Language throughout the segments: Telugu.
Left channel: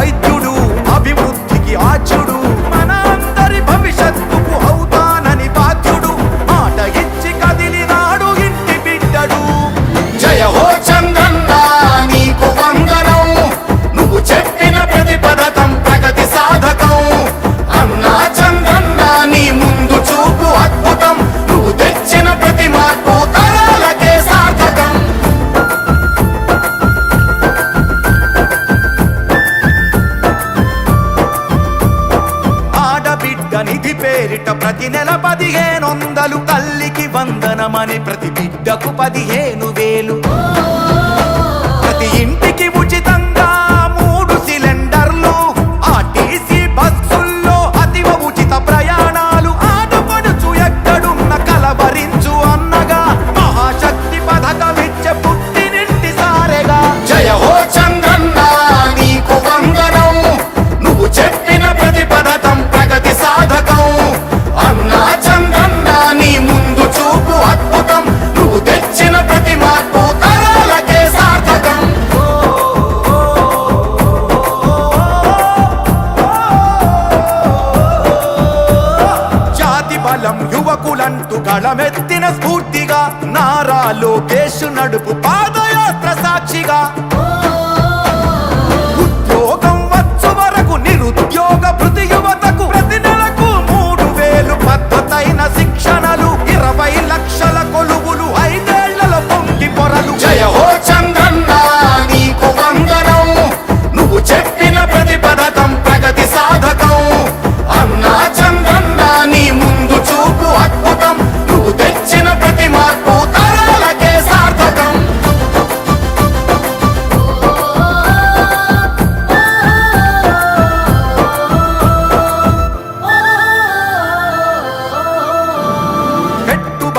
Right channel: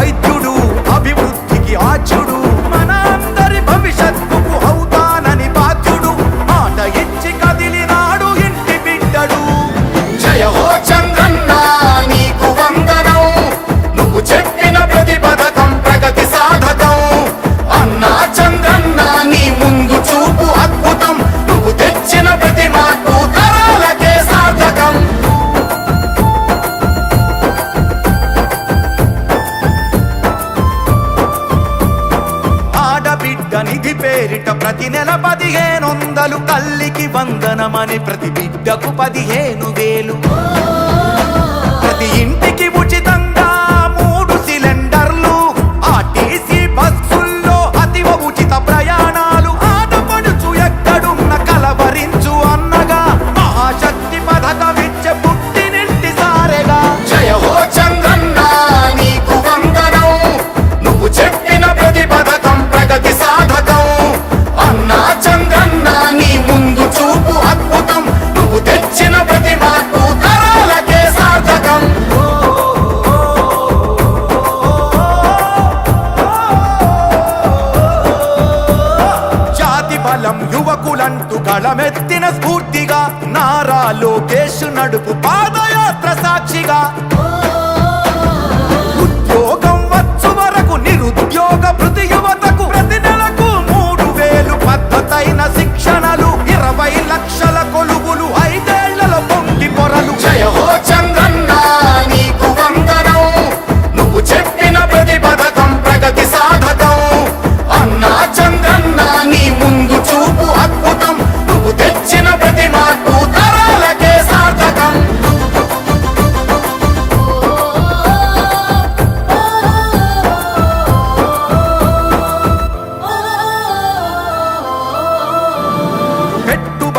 వైద్యుడు అభివృద్ధికి ఆచ్యుడు మన అందరి భవిష్యత్తుకు అవుతానని బాధ్యుడు. మాట ఇచ్చి కదిలినాడు ఇంటి బిడ్డడు. జయ హో చంద్రన్న నీకు వందనం. నువ్వు చెప్పిన ప్రతి పథకం ప్రగతి సాధకం. అన్నా చంద్రన్న నీ ముందు చూపు అద్భుతం. నువ్వు తెచ్చిన ప్రతి మార్పు ఆడబిడ్డ నిధి పేరిట ప్రతి నెల పదిహేనొందలు తల్లికి వందనమని ప్రతి బిడ్డకు పదిహేను వేలు. ప్రతి ఇంటికి ఉచితంగా మూడు సిలిండర్లు. ఆర్టీసీ బస్సుల్లో అతివ ఉచిత ప్రయాణాలు. ఆడపడుచు ఎక్కడున్న కలవరించు అన్నగా. మహాశక్తి పథకం బలం యువకులంటూ గళమెత్తిన స్ఫూర్తిగా నారా లోకేష్ నడుపు పాదయాత్ర సాక్షిగా. ఉద్యోగం వచ్చు వరకు నిరుద్యోగ భృతి యువతకు ప్రతి నెలకు మూడు వేలు పద్ధతైన శిక్షణలు ఇరవై లక్షల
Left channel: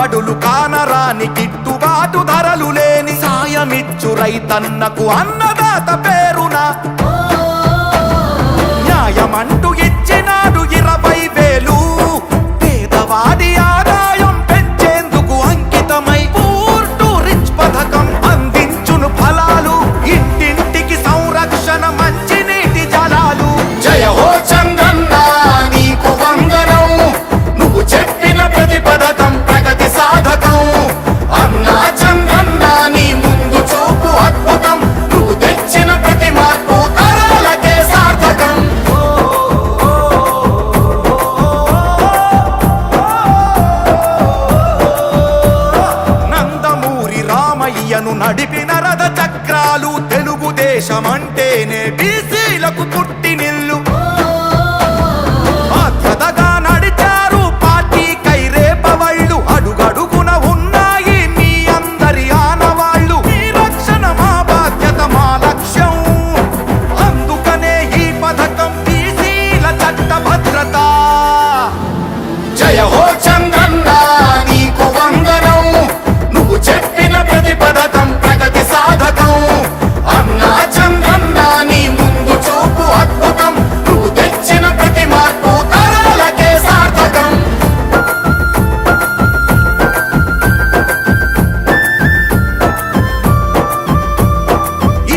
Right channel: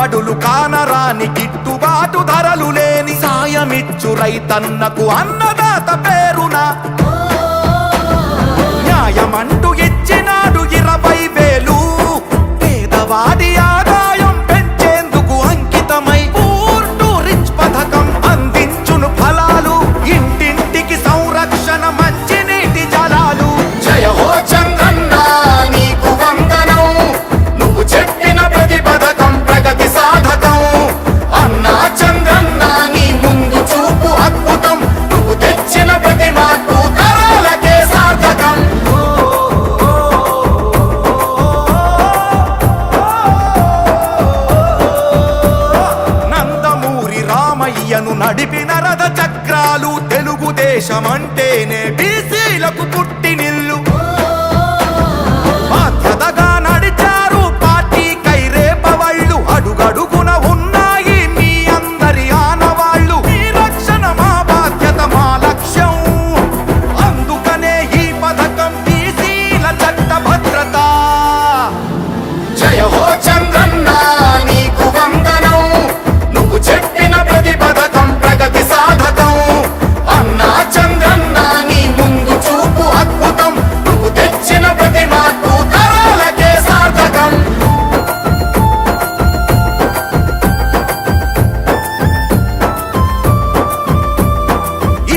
పెట్టుబడులు కానరాని గిట్టుబాటు ధరలు లేని సాయమిచ్చు రైతన్నకు అన్నదాత పేరున. న్యాయమంటూ ఇచ్చినాడు ఇరవై వేలు. పేదవాడి ఆదాయం రామయ్యను నడిపిన రథ చక్రాలు తెలుగుదేశమంటేనే బీసీలకు పుట్టినిల్లు బాధ్యతగా నడిచారు పార్టీ కైరేపవళ్ళు అడుగడుగున ఉన్నాయి మీ అందరి ఆనవాళ్ళు. మీ రక్షణ మా బాధ్యత మా లక్ష్యం. అందుకనే ఈ పథకం బీసీల చట్ట భద్రతా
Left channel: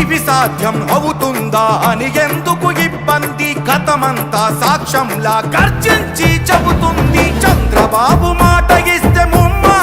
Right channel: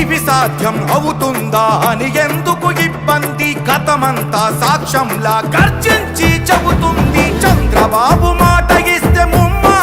ఇవి సాధ్యం అవుతుందా అని ఎందుకు ఇబ్బంది? గతమంతా సాక్ష్యంలా గర్జించి చెబుతుంది. చంద్రబాబు మాట ఇస్తే ముమ్మా